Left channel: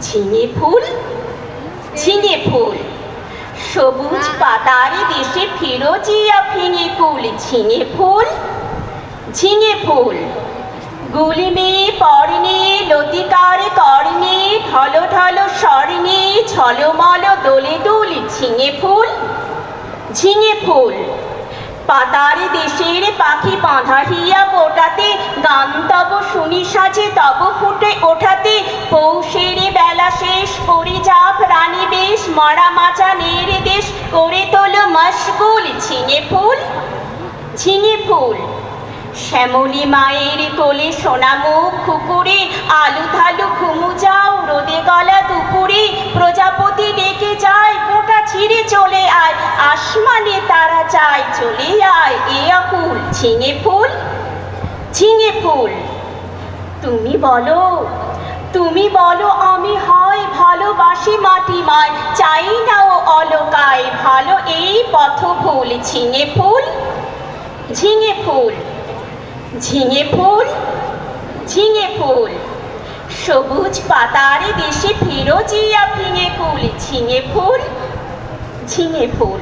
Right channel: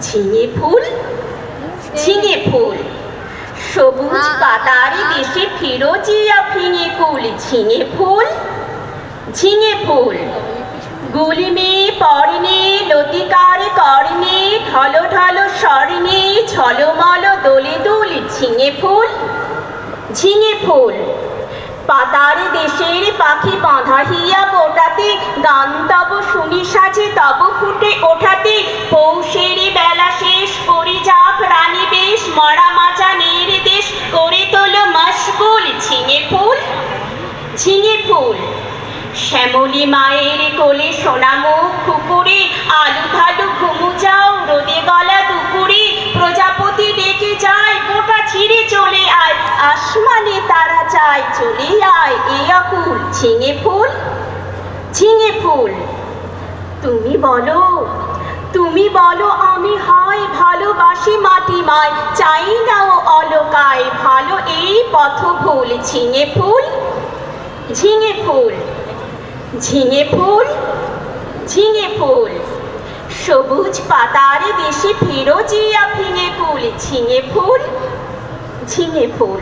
ঝিঙে ফুল, ঝিঙে ফুল, সবুজ পাতার দেশে ফিরোজিয়া ফিঙে কুল। ঝিঙে ফুল, ঝিঙে ফুল, গুলিমে পর্ণে লতিকার কর্ণে ঢল ঢল স্বর্ণে ঝলমল দোলে দুল। ঝিঙে ফুল, ঝিঙে ফুল, পাতার দেশের পাখি বাঁধা হিয়া পোটাতে গান তব শুনি সাজে তব ফুটে ওঠাতে পৌষের বেলা শেষ করে যাক রানী বেশ মরা মাচানের দেশ করে তোলো মশগুল। ঝিঙে ফুল, ঝিঙে ফুল, শ্যামলী মায়ের কোলে সোনামুখ কুকুরে আলু ধালু ঘুমু যাও রোদে গলা দুপুরে প্রজাপতি ডেকে যায় গোটা ছিঁড়ে চলে আয় আসমানে তারা চায় চলে আয় এ অকুল। ঝিঙে ফুল, ঝিঙে ফুল, তুমি বলো, তুমি বলো আমি হয় ভালোবাসি মাটি মায় চাই না ও অলকায় ভালো এই পথ ভুল। ঝিঙে ফুল, ঝিঙে ফুল, ঝিঙে ফুল, ঝিঙে ফুল, সবুজ পাতার দেশে ফিরোজিয়া ফিঙে কুল। ঝিঙে ফুল, ঝিঙে ফুল।